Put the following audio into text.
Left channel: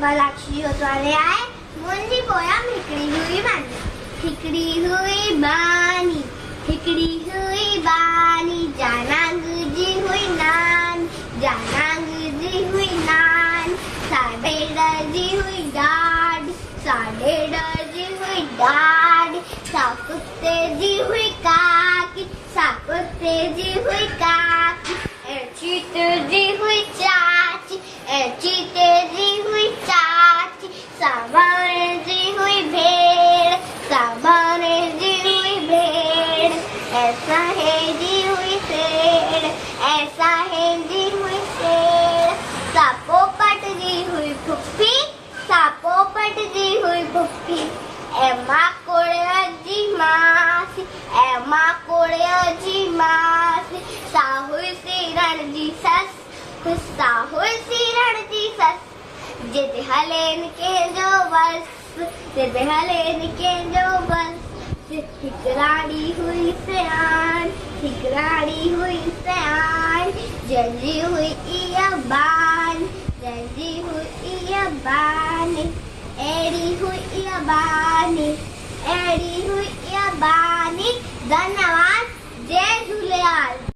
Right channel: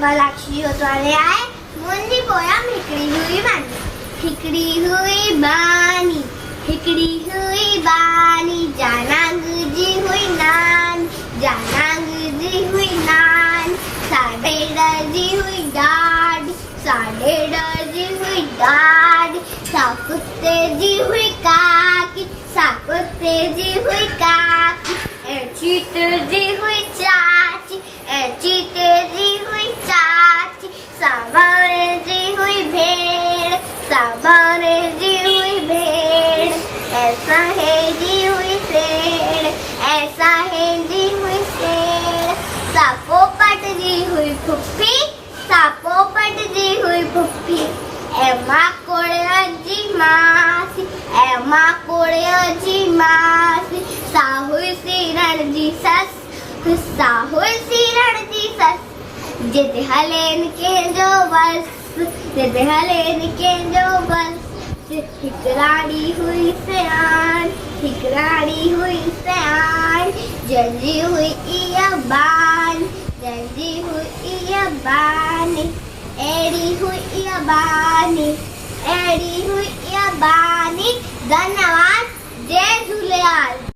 लाक्षी होतवाले आए मुंजी पोयम हिकड़ी हुई बानी हिकड़ी हुई बानी हिकड़ी हुई बानी जानांग जी हुई नान जानांग जी हुई नान साडे जी हुई डाड साडे जी हुई डाड साकुत्ते जी हुई काकी साकुत्ते जी हुई काकी एचीत जी हुई चाची एचीते जी हुई चाची सामाने जी हुई भेड़ सामाने जी हुई भेड़ ऐसा है जी हुई शेर ऐसा है जी हुई शेर सापोपट जी हुई फुफ्फी सापोपट जी हुई फुफ्फी एमा कोळ्याची मासी एमा कोळ्याची मासी साहुई सिरणजी सस साहुई सिरणजी सस जिद हलेन के जो बस जिद हलेन के जो बस हिकराड़ी हुई सयान हिकराड़ी हुई सयान जल्दी हुई इया बान जल्दी हुई इया बानी एड़ी हुई इया बानी एड़ी हुई इया बानी धन्यवाद जय झूलेलाल।